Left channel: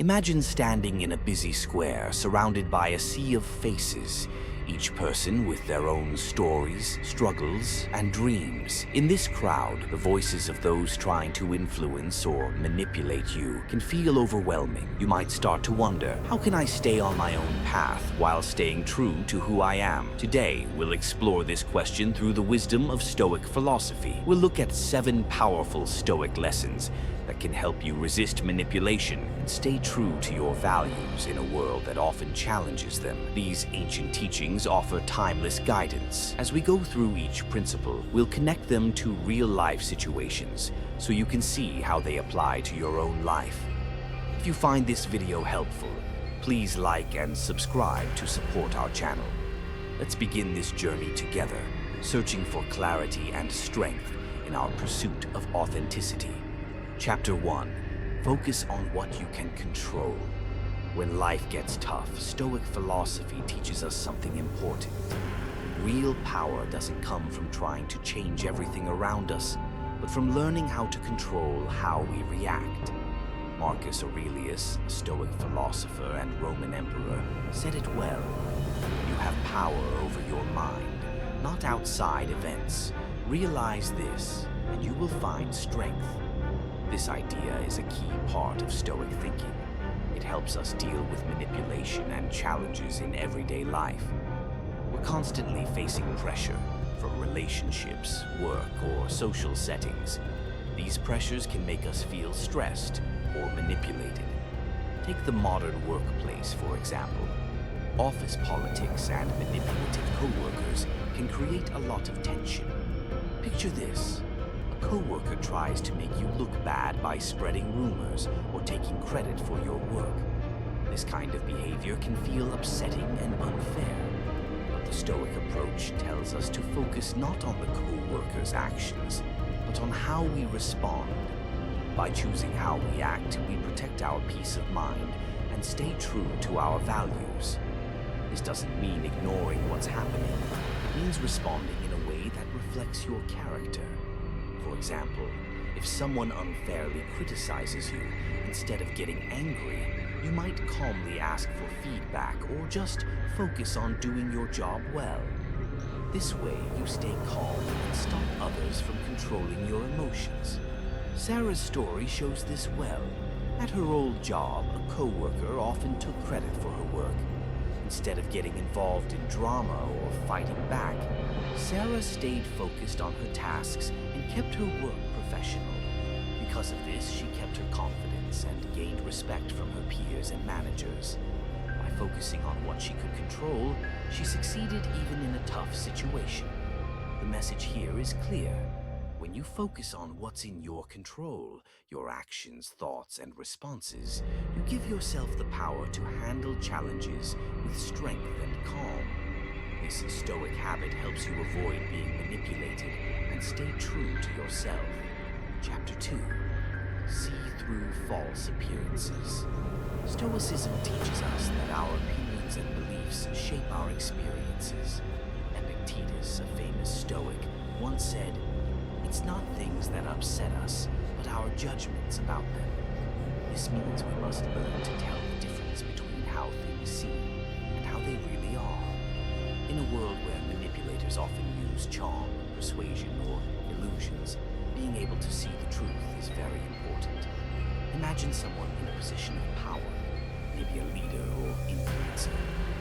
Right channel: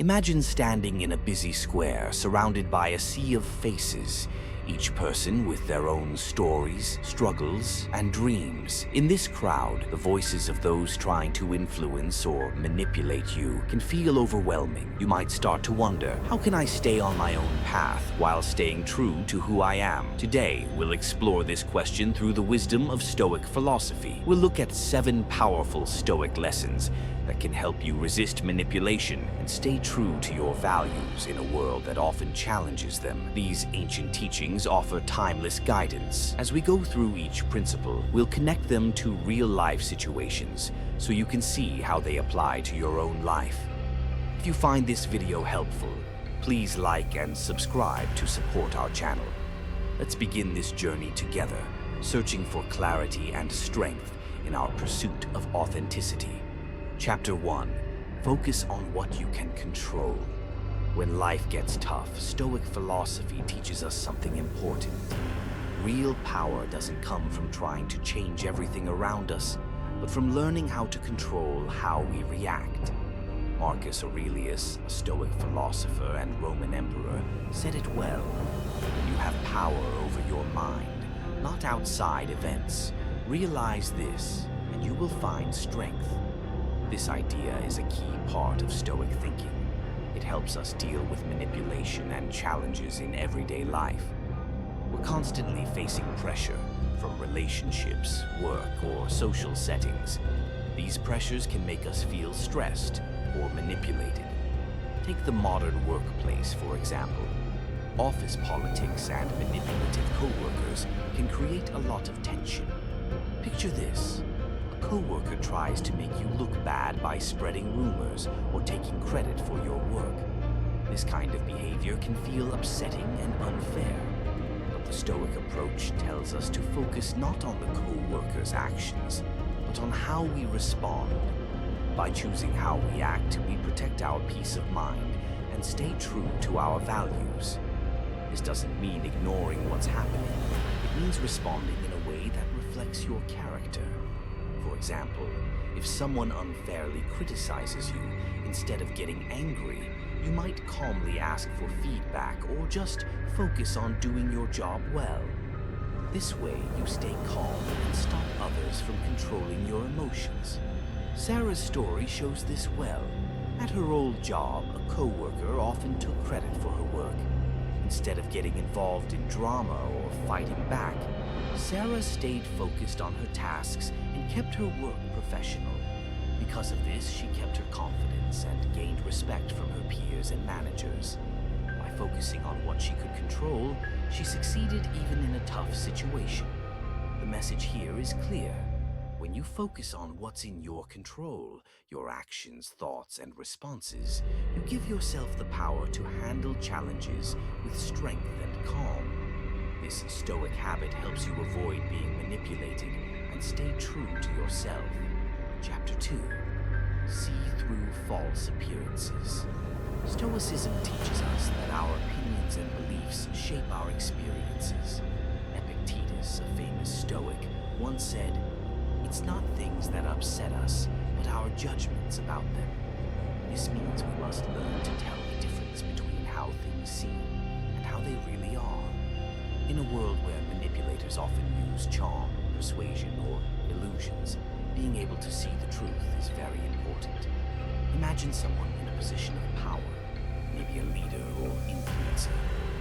Imagine standing in a busy square surrounded by a sea of faces, each person with their own stories, struggles, and dreams. In this crowd, the voices of those trying to influence or manipulate you can feel overwhelming. You might start to wonder, how can I stay on my own path while staying true to who I am? Today, we'll explore this question through the wisdom of Stoic philosophy. We'll look at 7 powerful Stoic lessons that can help you resist manipulation and stay true to your values in a world that often challenges them. These ancient teachings offer timeless guidance. As we go through each principle, we'll connect them to real-life situations so you can see how they apply to your own life. If you find this video helpful, please like and subscribe to support our channel. Let's begin this journey together, searching for clarity and strength in our pursuit of authenticity. Chapter 1. Focus on what you can control. When life gets tough, Stoic philosophy teaches us something important. Real power doesn't come from trying to change everything around us, but from learning how to control how we react. Marcus Aurelius, a Stoic philosopher and Roman emperor, said it well. You have power over your mind, not outside events. Realize this, and you will find strength. This idea is a key part of Stoic thinking. It helps us deal with manipulation and challenges in everyday life. We're constantly facing pressure from relationships, work, or social settings. These pressures can make us feel stressed or manipulated. Take the modern workplace, for example. Office politics and manipulative co-workers can create a lot of tension. Picture this. A co-worker tries to make you look bad by spreading rumors or taking credit for your work. This kind of behavior can feel upsetting and unfair. But the Stoic approach tells us to focus not on the co-worker's actions, but on how we respond. By choosing how we act, we protect our peace of mind and stay true to our values. This doesn't mean ignoring what's happening. It means responding in a way that reflects your character. For example, if someone unfairly criticizes you, instead of getting angry, you might calmly ask for feedback or just focus on doing your job well. This way, you stay calm and stop others from controlling your emotions. Sarah's story shows this well. At her old job, a co-worker often took credit for her work. Instead of getting involved in drama or fighting back, Sarah stayed focused on her tasks and kept her work professional. Because of this, she kept her confidence and gained respect from her peers and managers. By focusing on what she could control, she succeeded even in a tough situation. The message here is clear. When you focus on what's in your control, your actions, thoughts, and responses, you give yourself the power to handle challenges with strength and calm. This Stoic habit helps you avoid being manipulated and stay true to yourself. Chapter 2. See through false appearances. Stoicism teaches us that our opinions and beliefs shape our experiences. Epictetus, a famous Stoic, once said, "It's not things that upset us, but our judgments about them." This means we must learn to tell the difference between how things seem and how they really are. In a world where manipulators often use charm, persuasion, or illusions, being able to see the truth is very important. Imagine someone in a position of power, maybe a leader or influencer,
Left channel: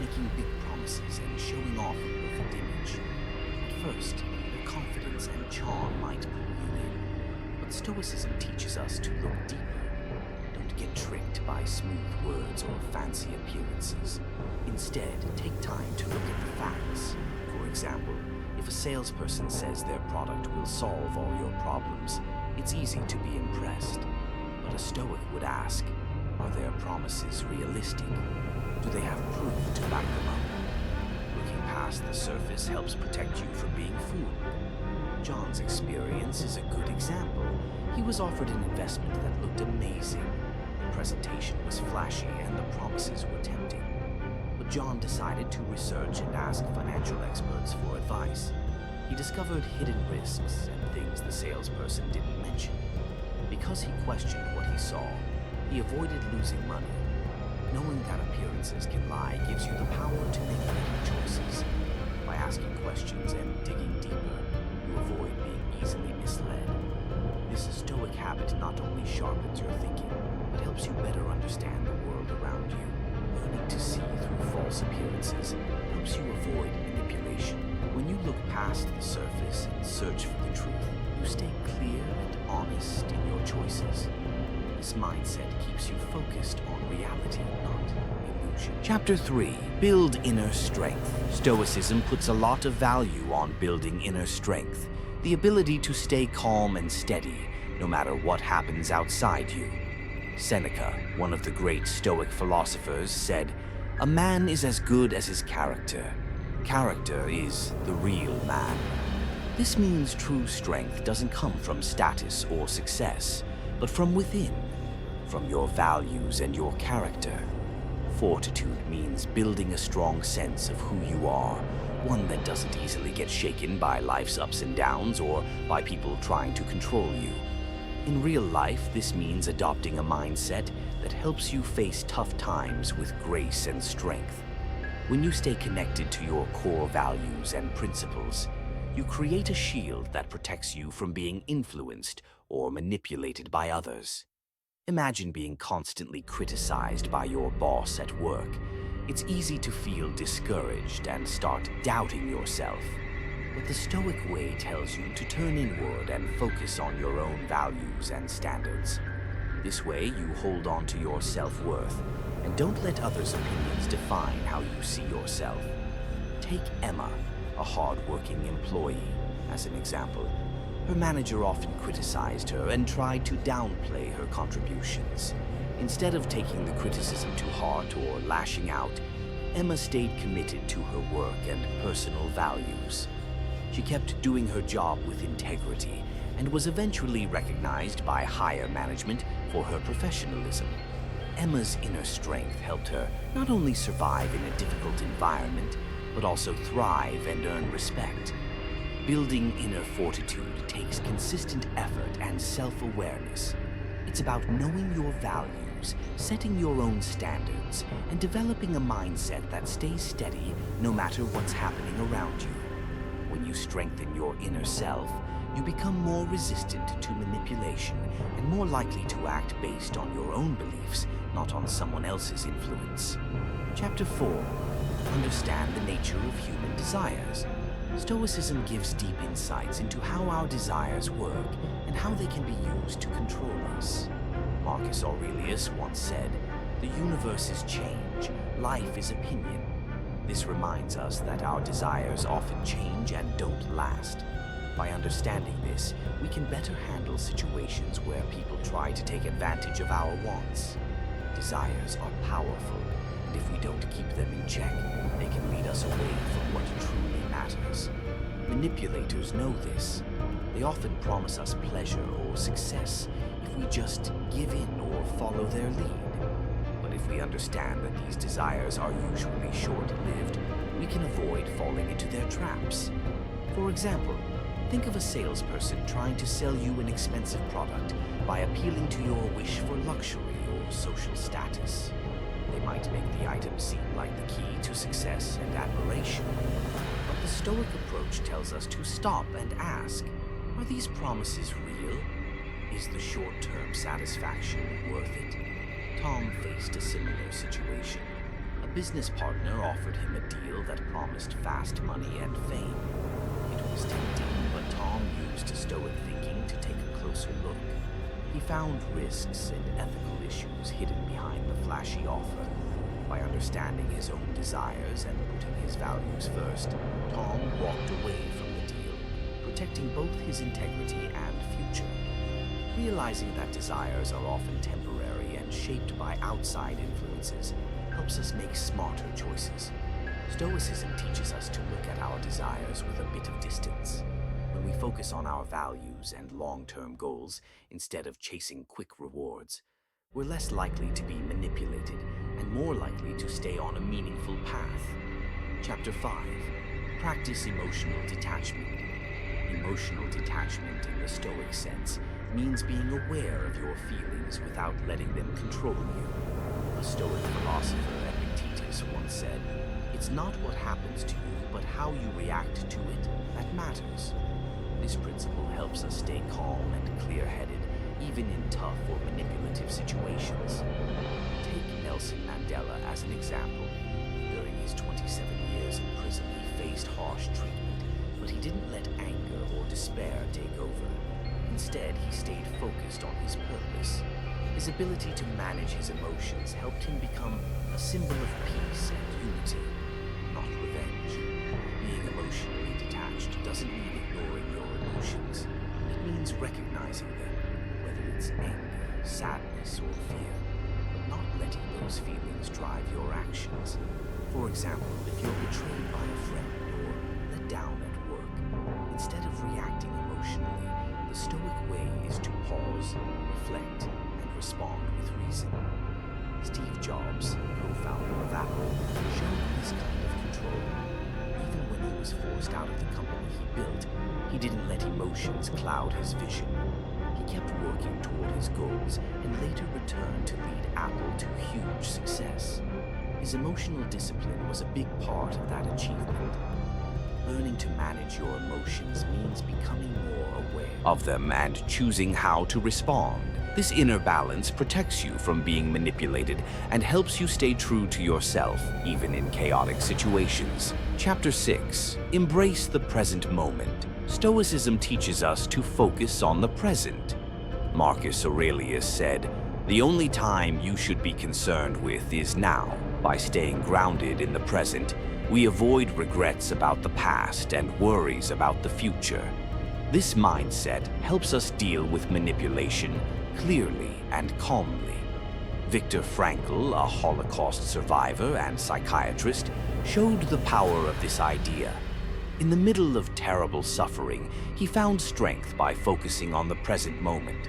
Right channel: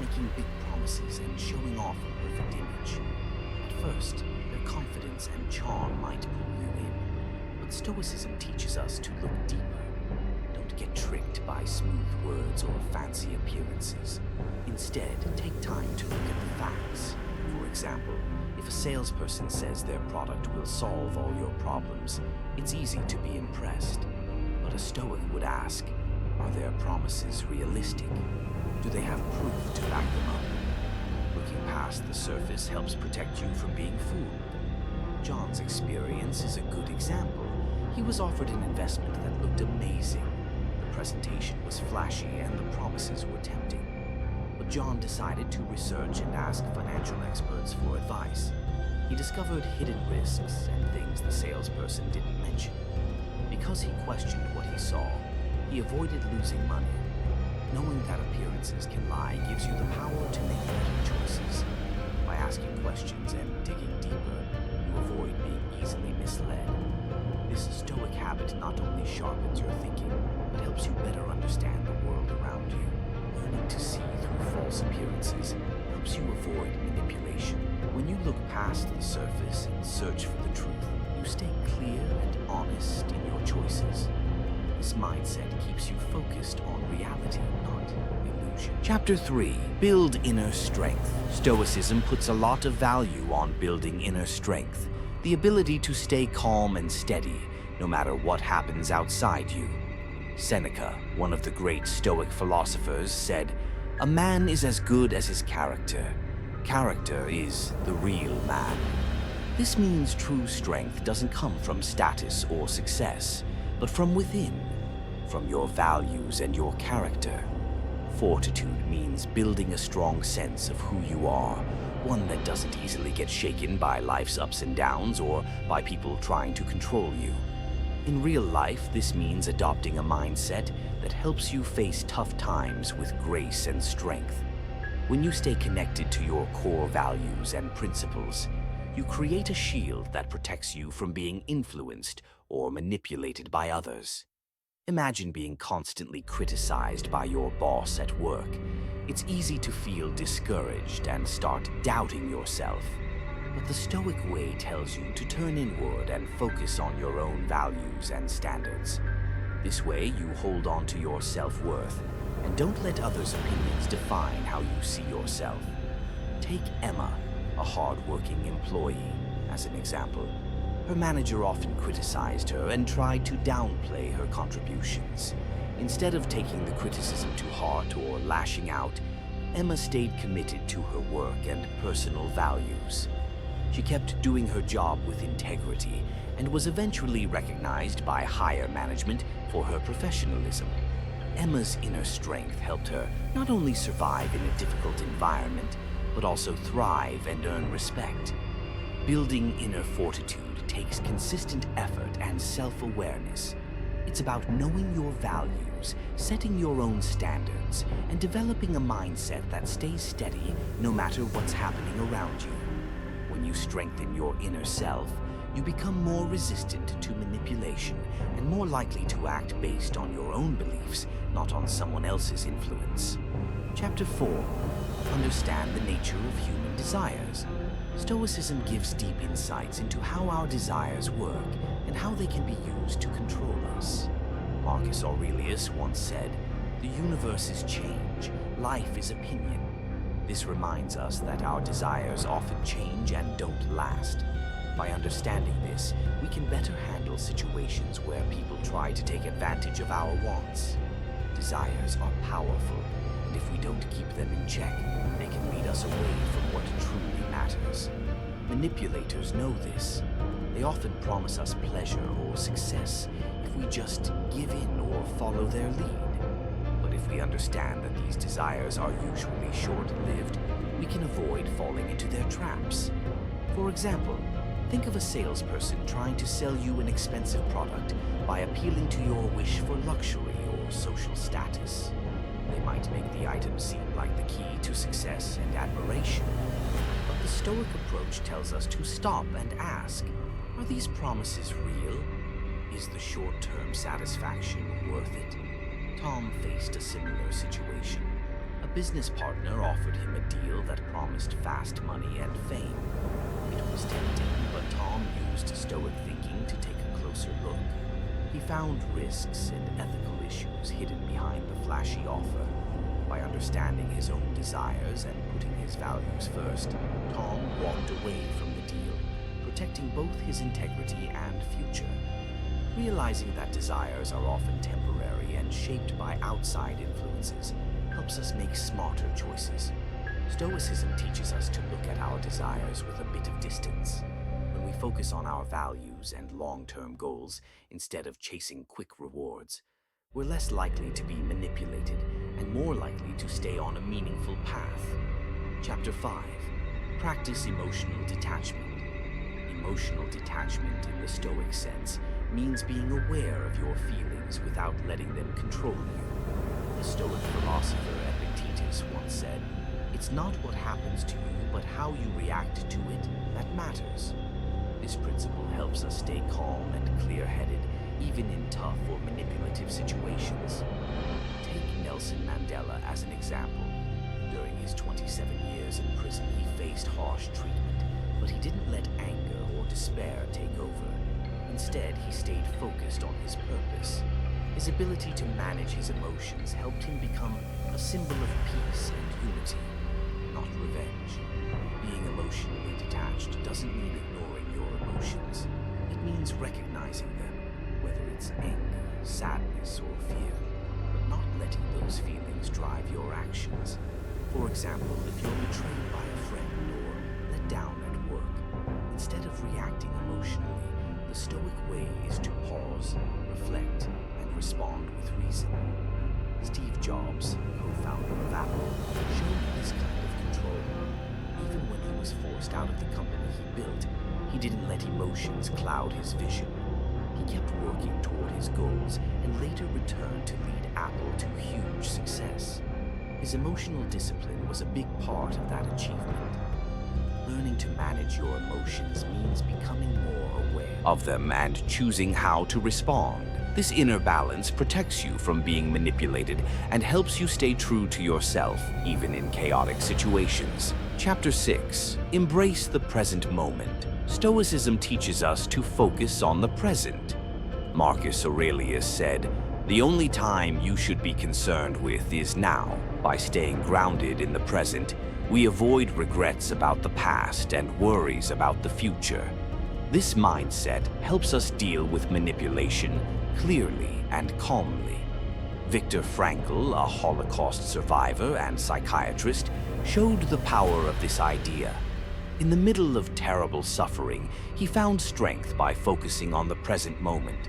making big promises and showing off a perfect image. At first, their confidence and charm might pull you in, but Stoicism teaches us to look deeper. Don't get tricked by smooth words or fancy appearances. Instead, take time to look at the facts. For example, if a salesperson says their product will solve all your problems, it's easy to be impressed. But a Stoic would ask, are their promises realistic? Do they have proof to back them up? Looking past the surface helps protect you from being fooled. John's experience is a good example. He was offered an investment that looked amazing. The presentation was flashy and the promises were tempting. But John decided to research and ask financial experts for advice. He discovered hidden risks and things the salesperson didn't mention. Because he questioned what he saw, He avoided losing money. Knowing that appearances can lie gives you the power to make better choices. By asking questions and digging deeper, you avoid being easily misled. This Stoic habit not only sharpens your thinking, but helps you better understand the world around you. Learning to see through false appearances helps you avoid manipulation. When you look past the surface and search for the truth, you stay clear and honest in your choices. This mindset keeps you focused on reality, not illusion. Chapter 3. Build inner strength. Stoicism puts a lot of value on building inner strength, the ability to stay calm and steady no matter what happens outside you. Seneca, one of the great Stoic philosophers, said, "A man is as good as his character. Character is the real man." This means true strength doesn't come from status or success, but from within, from your values and your character. Fortitude means building a strong sense of who you are, one that doesn't easily get shaken by life's ups and downs or by people trying to control you. In real life, this means adopting a mindset that helps you face tough times with grace and strength. When you stay connected to your core values and principles, you create a shield that protects you from being influenced or manipulated by others. Imagine being constantly criticized by your boss at work. It's easy to feel discouraged and start doubting yourself. But the Stoic way tells you to turn inward and focus on your own values and standards. This way, you hold on to your self-worth and don't let others' opinions define how you see yourself. Take Emma, a hard-working employee, as an example. Her manager often criticized her and tried to downplay her contributions. Instead of taking the criticism to heart or lashing out, Emma stayed committed to her work and personal values. She kept doing her job with integrity and was eventually recognized by higher management for her professionalism. Emma's inner strength helped her not only survive in a difficult environment, but also thrive and earn respect. Building inner fortitude takes consistent effort and self-awareness. It's about knowing your values, setting your own standards, and developing a mindset that stays steady no matter what's happening around you. When you strengthen your inner self, you become more resistant to manipulation and more likely to act based on your own beliefs, not on someone else's influence. Chapter 4. Understand the nature of human desires. Stoicism gives deep insights into how our desires work and how they can be used to control us. Marcus Aurelius once said, "The universe is change, life is opinion." This reminds us that our desires often change and don't last. By understanding this, we can better handle situations where people try to take advantage of our wants. Desires are powerful, and if we don't keep them in check, they can lead us away from what truly matters. Manipulators know this. They often promise us pleasure or success if we just give in or follow their lead. But if we understand that these desires are usually short-lived, we can avoid falling into their traps. For example, think of a salesperson trying to sell you an expensive product by appealing to your wish for luxury or social status. They might make the item seem like the key to success and admiration. But the Stoic approach tells us to stop and ask, are these promises real? Is the short-term satisfaction worth it? Tom faced a similar situation. A business partner offered him a deal that promised fast money and fame. It was tempting, but Tom used Stoic thinking to take a closer look. He found risks and ethical issues hidden behind the flashy offer. By understanding his own desires and putting his values first, Tom walked away from the deal, protecting both his integrity and future. Realizing that desires are often temporary and shaped by outside influences helps us make smarter choices. Stoicism teaches us to look at our desires with a bit of distance. When we focus on our values and long-term goals instead of chasing quick rewards, we're less likely to be manipulated and more likely to stay on a meaningful path. Chapter 5. Practice emotional detachment. Emotional detachment in the Stoic sense means being aware of your feelings without letting them control you. The Stoic philosopher Epictetus once said, "It's not what happens to you, but how you react to it that matters." This principle helps us stay calm and clear-headed, even in tough or manipulative situations. Take Nelson Mandela as an example. During his 27 years in prison, he faced harsh treatment, but he didn't let anger or despair take over. Instead, he stayed focused on his purpose. His ability to manage his emotions helped him become a symbol of peace and unity, not revenge. Being emotionally detached doesn't mean ignoring your emotions. It means recognizing them, whether it's anger, sadness, or fear, but not letting those feelings drive your actions. For example, if you're betrayed by a friend or let down at work, instead of reacting emotionally, the Stoic way is to pause, reflect, and respond with reason. Steve Jobs, co-founder of Apple, showed this kind of control. Even when he was forced out of the company he built, he didn't let emotions cloud his vision. He kept working toward his goals and later returned to lead Apple to huge success. His emotional discipline was a big part of that achievement. Learning to manage your emotions means becoming more aware of them and choosing how to respond. This inner balance protects you from being manipulated and helps you stay true to yourself, even in chaotic situations. Chapter 6. Embrace the present moment. Stoicism teaches us to focus on the present. Marcus Aurelius said, "The only time you should be concerned with is now." By staying grounded in the present, we avoid regrets about the past and worries about the future. This mindset helps us deal with manipulation clearly and calmly. Viktor Frankl, a Holocaust survivor and psychiatrist, showed the power of this idea. In the middle of terrible suffering, he found strength by focusing on the present moment.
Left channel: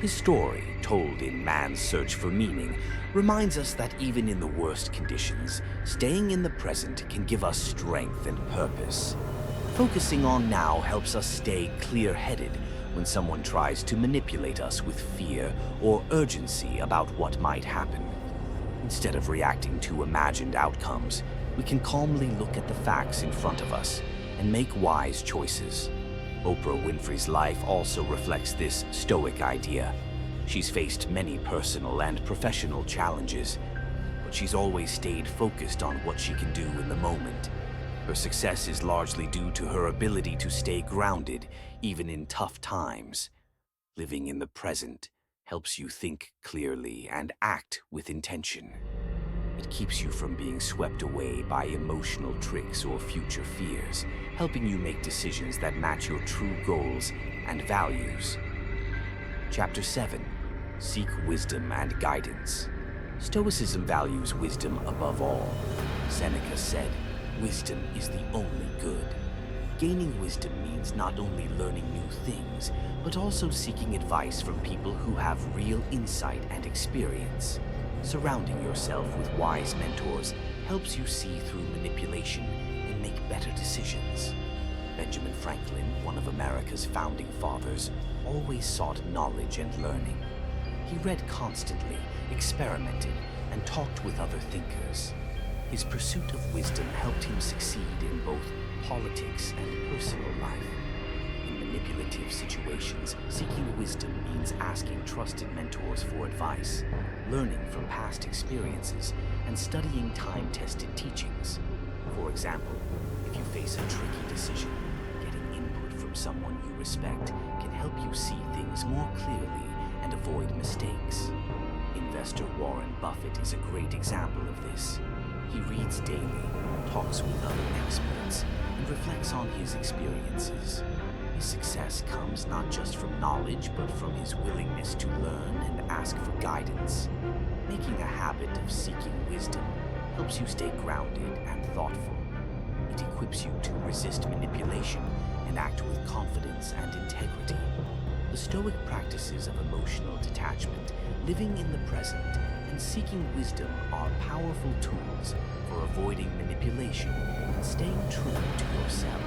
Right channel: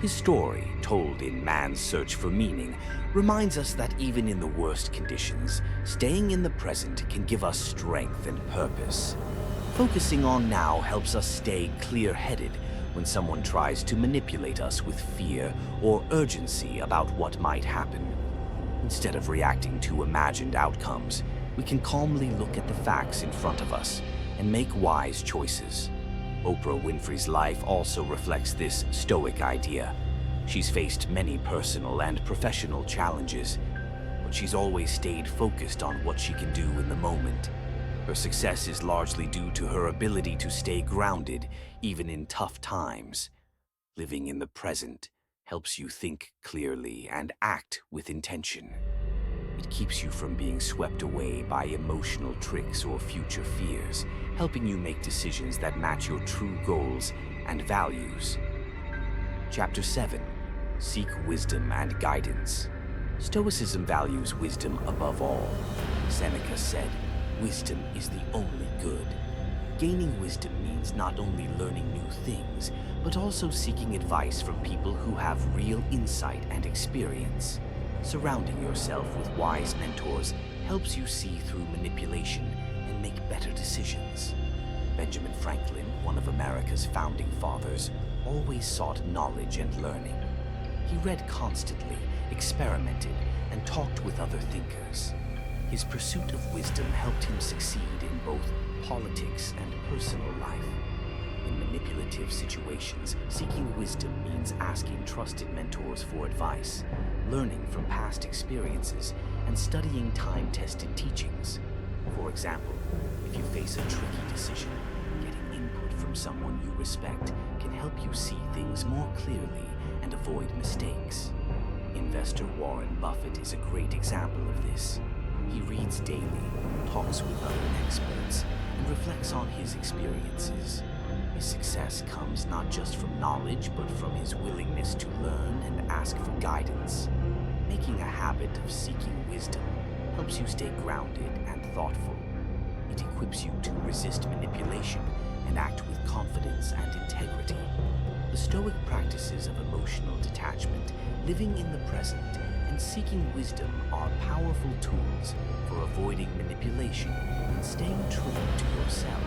His story, told in Man's Search for Meaning, reminds us that even in the worst conditions, staying in the present can give us strength and purpose. Focusing on now helps us stay clear-headed when someone tries to manipulate us with fear or urgency about what might happen. Instead of reacting to imagined outcomes, we can calmly look at the facts in front of us and make wise choices. Oprah Winfrey's life also reflects this Stoic idea. She's faced many personal and professional challenges, but she's always stayed focused on what she can do in the moment. Her success is largely due to her ability to stay grounded, even in tough times. Living in the present helps you think clearly and act with intention. It keeps you from being swept away by emotional tricks or future fears, helping you make decisions that match your true goals and values. Chapter 7. Seek wisdom and guidance. Stoicism values wisdom above all. Seneca said, "Wisdom is the only good." Gaining wisdom means not only learning new things, but also seeking advice from people who have real insight and experience. Surrounding yourself with wise mentors helps you see through manipulation and make better decisions. Benjamin Franklin, one of America's founding fathers, always sought knowledge and learning. He read constantly, experimented, and talked with other thinkers. His pursuit of wisdom helped him succeed in both politics and personal life. In manipulative situations, seeking wisdom means asking trusted mentors for advice, learning from past experiences, and studying time-tested teachings. For example, if you face a tricky decision, getting input from someone you respect can help you see things more clearly and avoid mistakes. Investor Warren Buffett is a great example of this. He reads daily, talks with other experts, and reflects on his experiences. His success comes not just from knowledge, but from his willingness to learn and ask for guidance. Making a habit of seeking wisdom helps you stay grounded and thoughtful. It equips you to resist manipulation and act with confidence and integrity. The Stoic practices of emotional detachment, living in the present, and seeking wisdom are powerful tools for avoiding manipulation and staying true to yourself.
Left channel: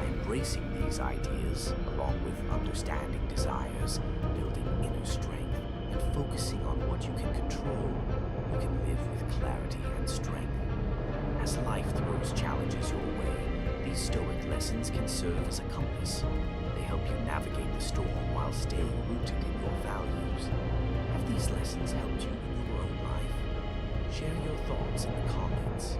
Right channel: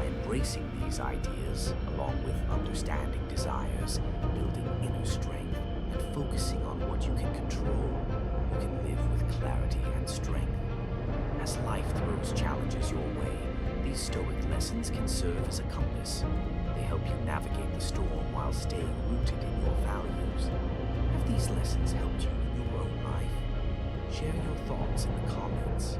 By embracing these ideas, along with understanding desires, building inner strength, and focusing on what you can control, you can live with clarity and strength. As life throws challenges your way, these Stoic lessons can serve as a compass. They help you navigate the storm while staying rooted in your values. Have these lessons helped you in your own life? Share your thoughts in the comments.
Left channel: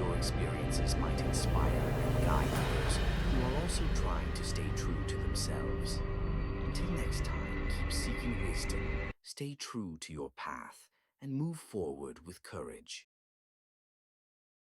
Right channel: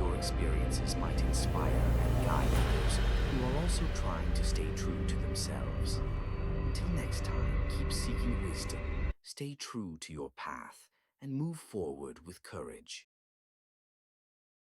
Your experiences might inspire and guide others who are also trying to stay true to themselves. Until next time, keep seeking wisdom, stay true to your path, and move forward with courage.